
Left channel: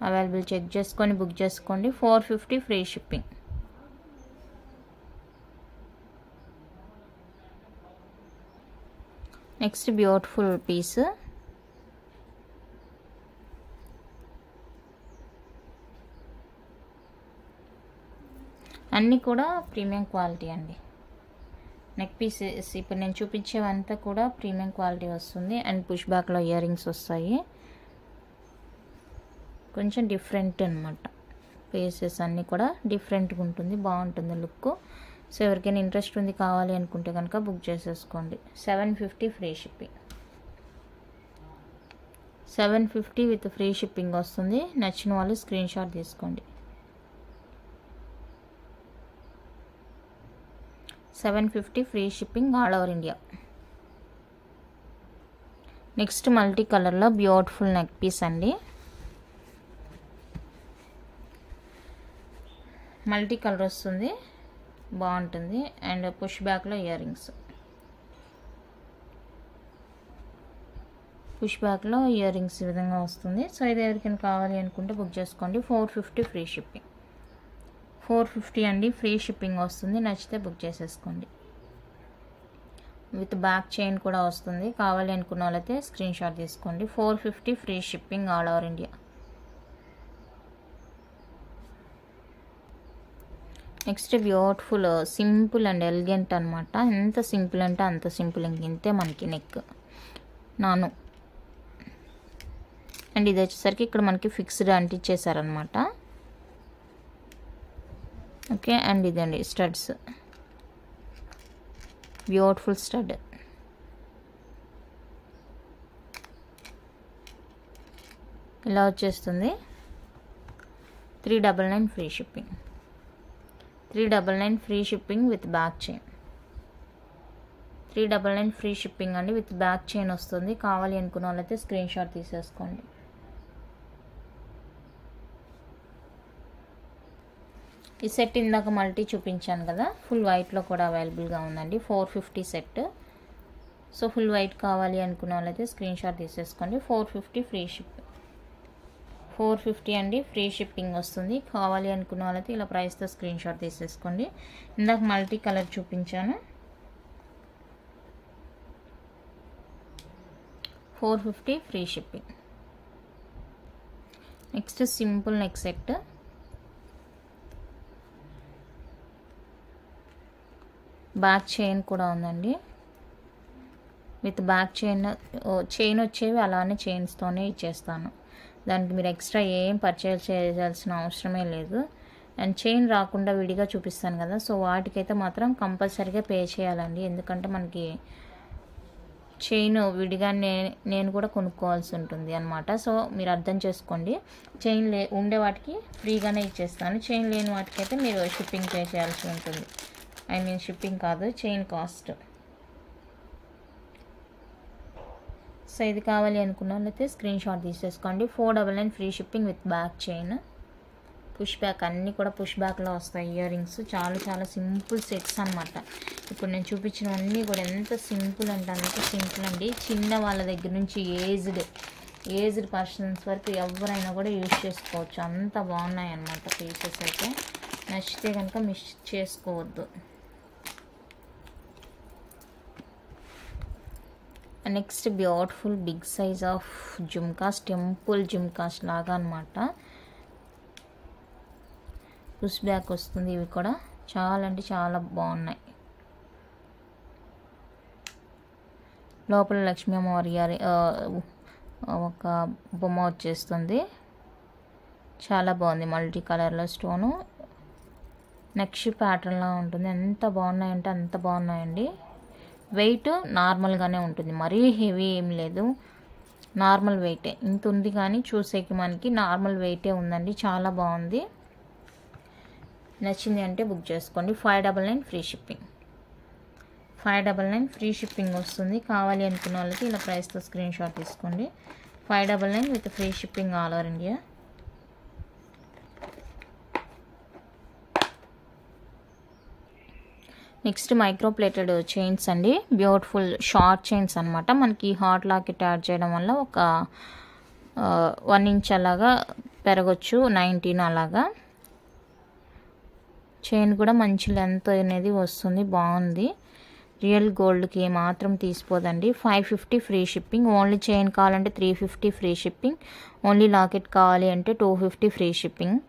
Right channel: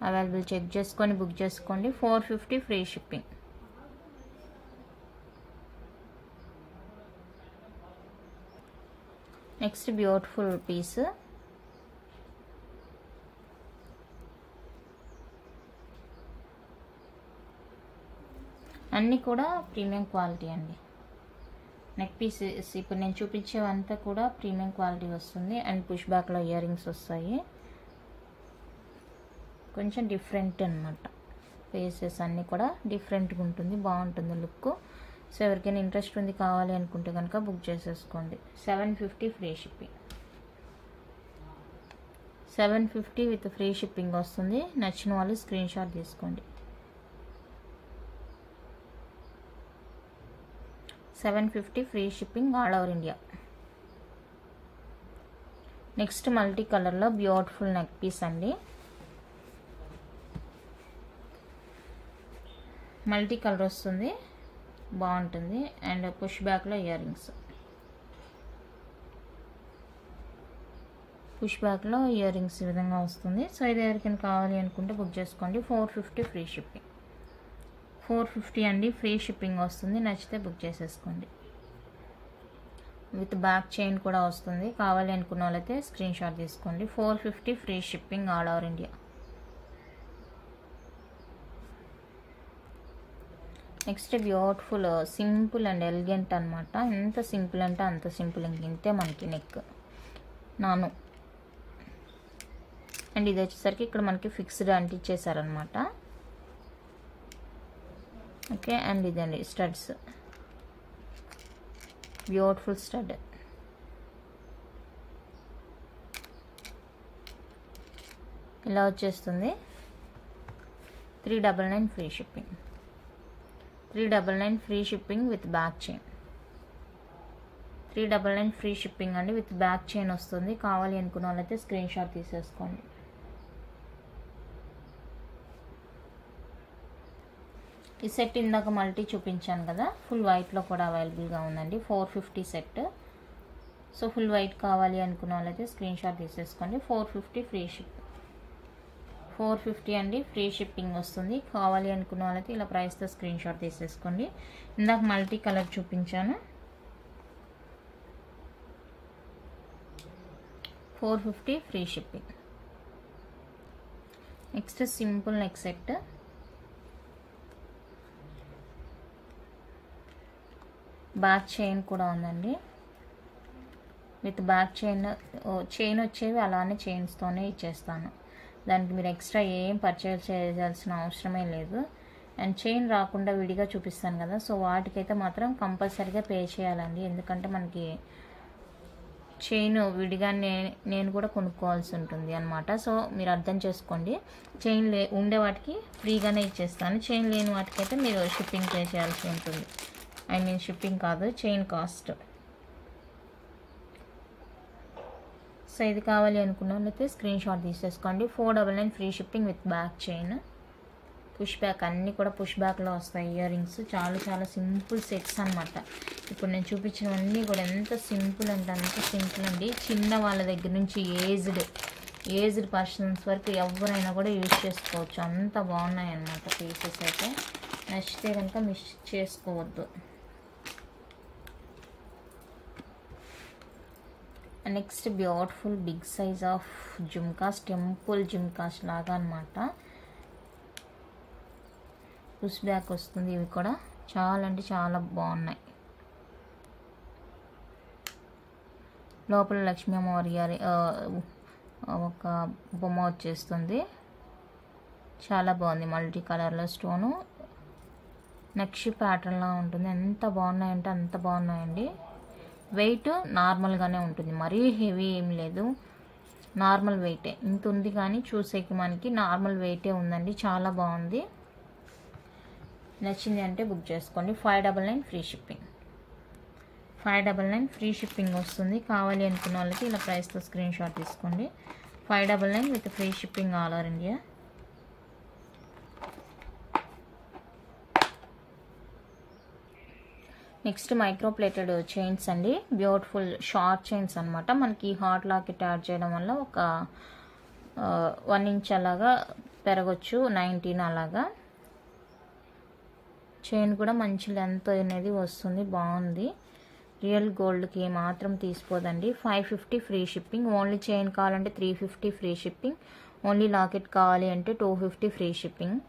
అవైలబుల్ చెక్ చేసుకొని బుక్ చేసుకోండి. 450 free shipping. Next beautiful piece. అన్నీ కూడా ప్రీమియం క్వాలిటీ అండి. నెక్ పీసెస్ ఇప్పుడు నేను చూపించేవంతా కూడా ప్రీమియం క్వాలిటీ వస్తుంది. అండ్ పుష్ బ్యాక్లో ఇయర్ రింగ్స్ వస్తాయి. కొంచెం డిఫరెంట్ అనమాట. పీసెస్ అన్నీ కూడా డిఫరెంట్గా ఉంటుంది, బాగుంటుంది లుక్. సో ఎవరికైనా ఇంట్రెస్ట్ ఉంది కావాలి అనుకుంటే కనుక బుక్ చేసేసుకోండి. 750 free shipping. 750 with free shipping వస్తుంది. నచ్చిన వాళ్ళు స్క్రీన్ షాట్ తీసుకోండి. 750 free shipping all over India. Next multi కలర్లో బ్యూటిఫుల్ నెక్ పీస్ అండి. మల్టీ కలర్ వస్తుంది, బాగుంటుంది. అండ్ పుష్ బ్యాక్లో ఇయర్ రింగ్స్, పుష్ బ్యాక్లో ఇయర్ రింగ్స్ ఈ విధంగా వస్తుంది. సో ఇది ఎవరికైనా కావాలి అనుకుంటే బుక్ చేసుకోండి. 450 ఫ్రీ షిప్పింగ్. 450 అండి, ఫ్రీ షిప్పింగ్ వస్తుంది. నచ్చితే బుక్ చేసేసుకోండి. విత్ బ్యాక్ చైన్ కూడా వస్తుంది. కావాలి అనుకున్న వాళ్ళైతే స్క్రీన్ షాట్ తీసుకోండి. 450 free shipping all over India. Next beautiful simple and elegant అనమాట. ఎంత సింపుల్ అంటే అంత సింపుల్. ఇంతే మనకి నెక్ నాను. అండ్ ఇది వచ్చేసరికి ఇక్కడ మనకి ఫిక్స్డ్ అంటించేసారనమాట. ఓకే, అండ్ ఇదండి స్టడ్స్, బ్యూటిఫుల్ స్టడ్. ఇలా వచ్చేస్తుంది. 399 free shipping. 399 free shipping with back chain. 399 free shipping అండి, విత్ బ్యాక్ చైన్ వస్తుంది. కావాలి అనుకున్న వాళ్ళైతే స్క్రీన్ షాట్ తీసేసుకోండి. ఈ సెట్ ఇందాక మల్టీ చూపించాను కదా, ఫుల్ వైట్లో కూడా అవైలబుల్గా ఉందండి. 450 సెట్. సో ఫుల్ వైట్ కావాలి అనుకున్న వాళ్ళైతే స్క్రీన్ షాట్ తీసేసుకోండి. 450 ఫ్రీ షిప్. 450 అండి, ఫ్రీ షిప్పింగ్ వస్తుంది. కావాలి అనుకున్న వాళ్ళైతే ఇలా ప్రైస్తో స్క్రీన్ షాట్ తీసేసుకోండి. ఇందాక మల్టీ కలర్ చూపించాను. 450 free shipping. Next simple neck set. Back chain కూడా ఉందండి. విత్ బ్యాక్ చైన్ వచ్చేవి అలానే చైన్స్తోనే ఇచ్చేస్తాను. దానికి మీరు ఎక్స్ట్రా ఏం పర్చేజ్ చేయాల్సిన అవసరమే లేదు. అండ్ చైన్ రాకుండా విడిగా చూపిస్తాను కదా, సో వాటికైతే మాత్రం కంపల్సరీగా పే చేయాలండి. ఎందుకంటే మనకి చైన్ విడిగా నేను కూడా కొనుక్కోవాల్సి ఉంటుంది అనమాట. సో మీరు అర్థం చేసుకోండి. చైన్ ఉండే వాటికి ఫ్రీగానే ఇచ్చేస్తాను. చైన్ లేని వాటికైతే మీరు షిప్పింగ్ పే చేయాల్సి ఉంటుంది. ఐ మీన్ షిప్పింగ్ కాదు, చైన్ కాస్ట్. సో ఇది కావాలి అనుకున్న వాళ్ళైతే స్క్రీన్ షాట్ తీసేసుకోండి. 499 free shipping with back chain. Push back, అన్నీ కూడా పుష్ బ్యాక్లో వస్తాయి ఇయర్ రింగ్స్. చాలా చాలా సింపుల్ సెట్స్ అనమాట. ఇప్పుడు నేను చూపించినవన్నీ కూడా ఎంత సింపుల్ అంటే అంత సింపుల్ అండి. చిన్న వాళ్ళ దగ్గర నుంచి ఏజ్డ్ పర్సన్స్ వరకు ఎవరైనా కూడా యూజ్ చేసుకోవచ్చు. అంత బాగున్నాయి అన్నమాట పీసెస్ అయితే. నచ్చితే కనుక మిస్ చేసుకోవద్దు. Next beautiful big size of jhumkas, temple jhumkas లాగా అనమాట. పుష్ బ్యాక్ వస్తుంది. ఇవి కూడా చాలా అంటే చాలా బాగున్నాయి. లోపల లక్ష్మీ అమ్మవారి ఒక బొమ్మ వచ్చేస్తుంది. చాలా బాగుంది. మల్టీ కలర్లో స్టోను, నెక్స్ట్ ప్యాటర్న్లా ఉంటుంది. ఎంత బాగున్నాయంటే అంత బాగున్నాయండి. వెయిట్ నార్మల్గానే ఉంటుంది, మరీ హెవీ ఏం లేదు, నార్మల్ వెయిటే. ఇంత ఉంది కానీ చూసేకి మనకి నార్మల్ వెయిటే ఉందండి. చాలా బాగుంది. నచ్చింది అంటే బుక్ చేసుకోండి. 599 ఫ్రీ షిప్పింగ్. 599 ఫ్రీ షిప్పింగ్ వస్తుంది. కావాలి అనుకున్న వాళ్ళకి ఇలా ప్రైస్తో స్క్రీన్ షాట్ తీసుకోండి. 599 with free shipping all over India. Next micro plated chains అండి. బ్యూటిఫుల్ షార్ట్ చైన్స్ అనమాట. మనకి హాట్ లాకెట్ యాడ్ చేయడం వల్ల ఒక 1 ఇంచ్ అలాగా పెరగచ్చు, 19 అలాగా. చైన్ కూడా మంచి లెంత్ అనేది వస్తుంది, బాగుంది. రియల్ గోల్డ్కి ఏమాత్రం తీసిపోదండి. 550 ఫ్రీ షిప్పింగ్. ఓన్లీ చైన్ కావాలంటే 350 ఫ్రీ షిప్పింగ్. ఓన్లీ లాకెట్ కావాలి అంటే 250 ఫ్రీ షిప్పింగ్.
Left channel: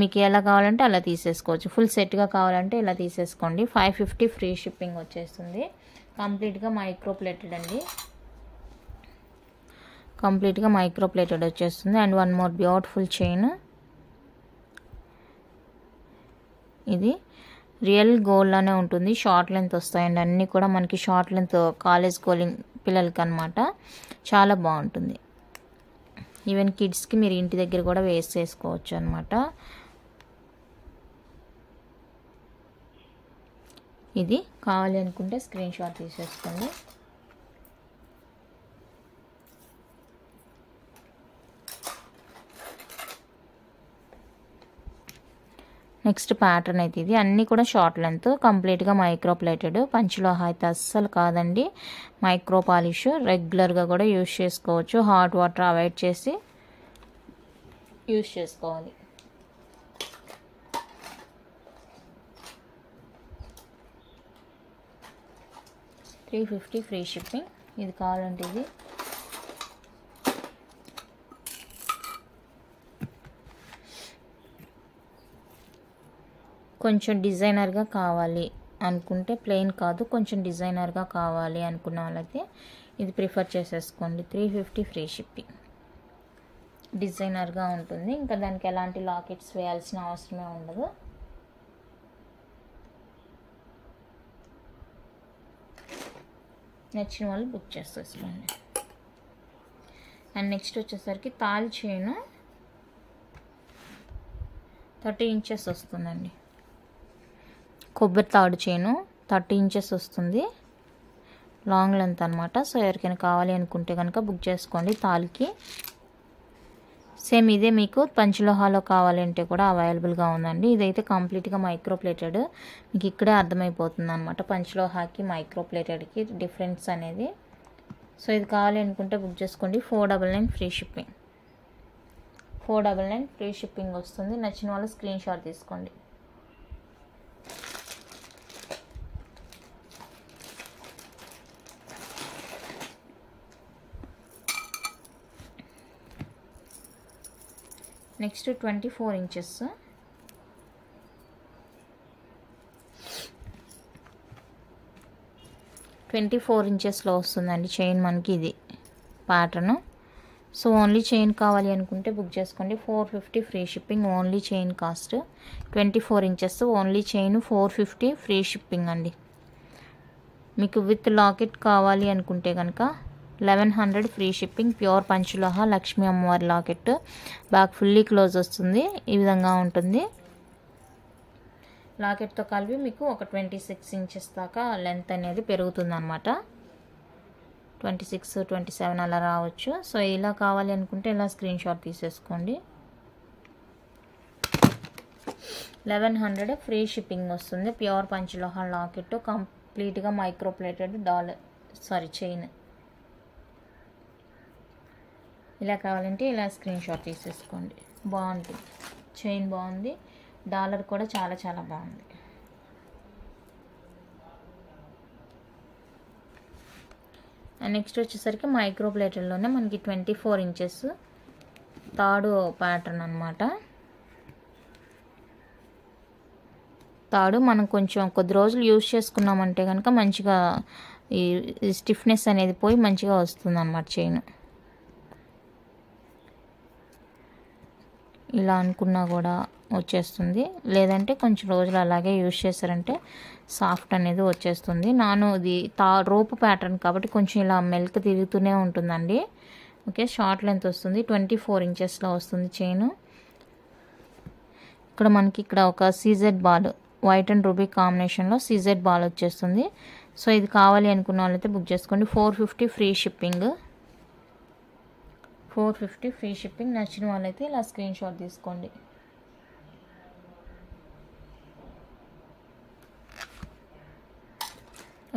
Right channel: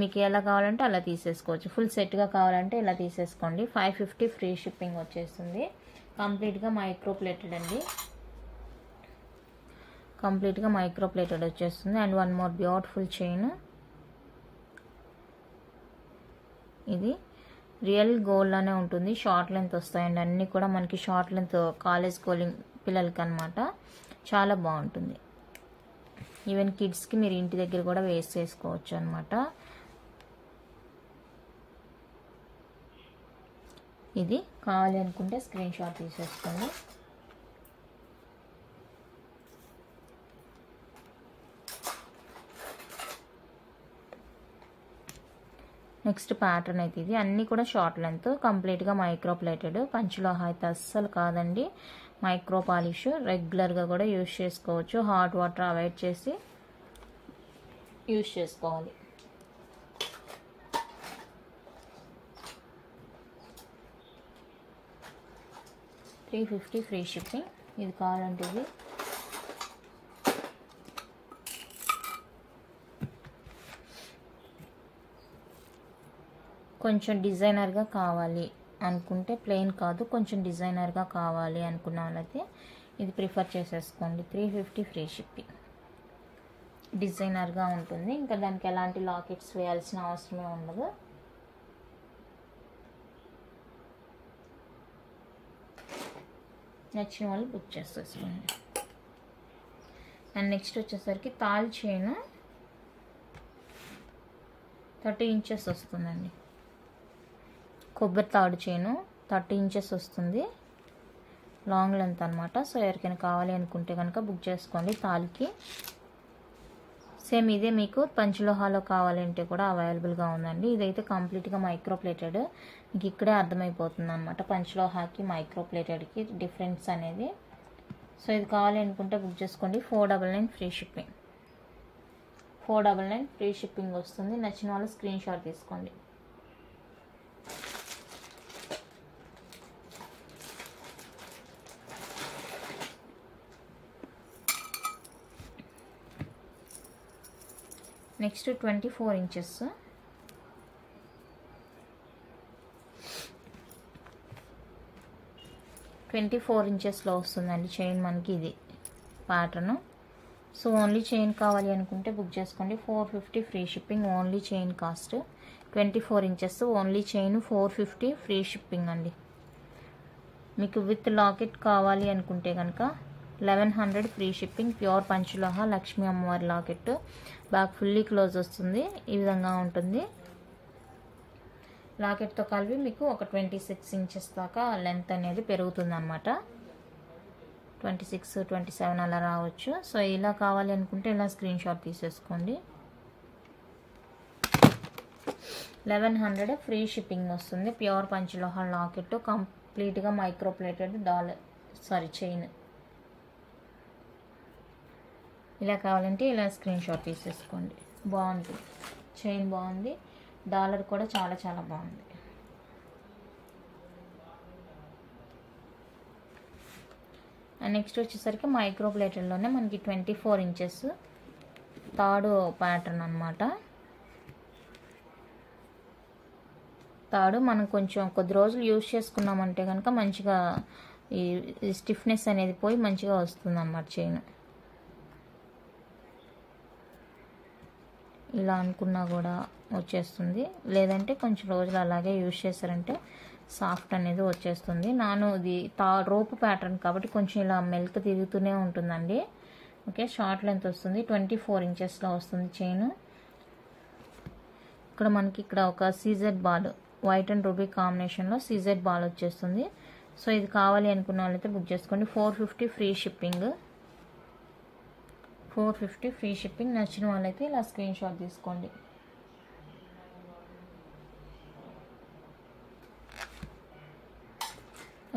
మీకు ఎలా కావాలంటే అలా తీసేసుకోవచ్చు. ఫుల్ సెట్గా కావాలంటే ఇలా తీసేసుకోండి. 550 ఫ్రీ షిప్పింగ్ వచ్చేస్తుంది. కంప్లీట్గా మైక్రో ప్లేటెడ్ అండి. కంప్లీట్గా మైక్రో ప్లేటెడ్ వచ్చేస్తుంది. And one more beautiful chain. ఇది రియల్ గోల్డ్లోనే ఉంటుంది. షార్ట్ లెంత్ వస్తాయండి అన్నీ కూడా మనకి. షార్ట్ లెంత్ కాలేజ్ గోలింగ్ పిల్లలకి అనమాట. చాలా బాగుంటుంది. ఈవెన్ కిడ్స్కి మీరు ఇంటి దగ్గర కూడా వేసేసుకోవచ్చు అనమాట. ఇది కావాలి అనుకుంటే స్క్రీన్ షాట్ తీసేసుకోండి. నెక్స్ట్ ప్యాటర్న్ అయితే ఇది అన్నీ కూడా షార్ట్ లెంత్, కంప్లీట్గా మైక్రో ప్లేటెడ్. పంచలోహ అయితే అస్సలు కాదండి, మైక్రో పాలిష్. రెగ్యులర్గా కూడా యూజ్ చేసుకోవచ్చు, హాట్ వాటర్ అవాయిడ్ చేసి యూజ్ చేసుకోవాలి. $350 ఫ్రీ షిప్పింగ్. ఇది కావాలంటే ఇది కొంచెం డిజైనర్గా కావాలి అనుకుంటే, ప్లెయిన్ కాదు కొంచెం డిజైనర్గా కావాలి అనుకున్న వాళ్ళైతే ఇది ప్రిఫర్ చేసేసుకోండి. $350 ఫ్రీ షిప్పింగ్. డిజైనర్గా ఉంటుంది, ఇంకా దానికి ఎలాంటి లాకెట్స్ వేయాల్సిన అవసరమే ఉండదు. నచ్చిన వాళ్ళు బుక్ చేసేసుకోండి. అండ్ నెక్స్ట్ వచ్చేసరికి తాళి చైన్ 30 ఇంచెస్ వస్తుందండి. కొబ్బరి తాడు చైను 30 ఇంచెస్ వస్తుంది, లాంగ్ లెంత్ అనమాట. సో ఎవరికైనా కావాలి అనుకుంటే కనుక బుక్ చేసుకోండి. తాళికి సేమ్ ఇదే మీకు పంచలోహాలో కావాలంటే కూడా అవైలబుల్గా ఉందండి. ఇదైతే కంప్లీట్గా మైక్రో ప్లేటెడ్, మీకు ఇక్కడే అర్థమైపోతుంది అనమాట పంచలోహాకి మైక్రో ప్లేటెడ్కి డిఫరెన్స్ అనేది. సో ఇది కావాలి అనుకుంటే బుక్ చేసుకోండి. $499 ఫ్రీ షిప్పింగ్. $499 ఫ్రీ షిప్పింగ్ వస్తుంది. నచ్చిన వాళ్ళు స్క్రీన్ షాట్ తీసుకోండి. నెక్స్ట్ 24 ఇంచెస్, ఇంచెస్లో వస్తుందండి చైన్ మనకి. ఇది ప్యాటర్న్. సో ఓన్లీ చైన్ కావాలి అనుకుంటే బుక్ చేసుకోండి. $450 free shipping. Only chain cost 24 inches, only chain $450 free shipping అండి. మీకు విత్ లాకెట్ కావాలి అనుకుంటే కనుక 1100 ఫ్రీ షిప్పింగ్. ప్యూర్ పంచలోహ లక్ష్మీ అమ్మవారి లాకెట్, బ్యాక్ ఫుల్లీ క్లోజ్ వస్తుంది. ఈ విధంగా ఉంటుంది. లాకెట్తో కలిపి మీకు ఒక 26 ఇంచెస్ దాకా లెంత్ అనేది పెరుగుతుంది అనమాట. 26, 27 అలా రావచ్చు. సో ఇలా కావాలి అనుకుంటే ఇలా స్క్రీన్ షాట్ తీసేసుకోండి. 1100 ఫ్రీ షిప్పింగ్ వస్తుంది. ప్యూర్ పంచలోహ లాకెట్, కంప్లీట్గా మైక్రో ప్లేటెడ్ చైన్. ఇలా కావాలంటే ఇలా స్క్రీన్ షాట్ తీసేసుకోండి. బాగుంటుంది, చైన్ బాగుంది, డాలర్ కూడా చాలా చాలా బాగుంది. అండ్ నెక్స్ట్ వచ్చేసరికి మైక్రో ప్లేటెడ్లోనే మనకి 24 ఇంచెస్ తాడు ప్యాటర్న్ అనమాట. తాడు మనం కొంచెం కొద్ది రోజులు యూజ్ చేసుకున్నామంటే కనుక మంచిగా ఈ స్టిఫ్నెస్ అనేది పోయి మంచిగా వస్తుంది అన్నమాట చైన్. ఇలా అనుకున్నా కూడా వచ్చేస్తుంది, లేదంటే కొంచెం రోజులు అలాగే యూజ్ చేశారంటే సాఫ్ట్ అనేది వచ్చేస్తుంది. ఇది రోపు ప్యాటర్న్ కాబట్టి కొంచెం ఇలా మెల్క్ తిరుగుతూనే ఉంటుందండి. ఓకే, షార్ట్ లెంత్ వస్తుంది. 24 ఇంచెస్లో వస్తుంది చైన్. ఇక్కడ మనకి ఒక CZ ball, white and ruby కాంబినేషన్లో సీజెడ్ బాల్ వచ్చేస్తుంది. సో ఇది కావాలి అనుకున్న వాళ్ళైతే బుక్ చేసుకోండి. $450 ఫ్రీ షిప్పింగ్. 450 free shipping. నచ్చిన వాళ్ళైతే ఇలా స్క్రీన్ షాట్ తీసుకోండి.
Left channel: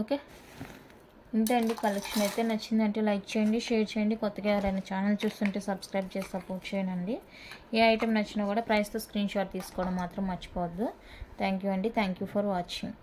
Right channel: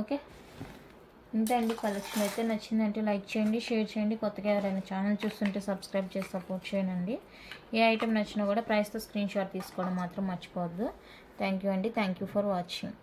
ఓకే, ఇంతే అండి కలెక్షన్ అయితే. నచ్చిందంటే లైక్ చేయండి, షేర్ చేయండి. కొత్తగా ఎవరైనా ఛానల్ చూస్తుంటే సబ్స్క్రైబ్ చేసి సపోర్ట్ చేయండి. ఏ ఐటెం నచ్చినా కూడా ప్రైస్తో స్క్రీన్ షాట్ తీసుకోవడం మాత్రం మర్చిపోవద్దు. థ్యాంక్ యూ అండి. Thank you for watching.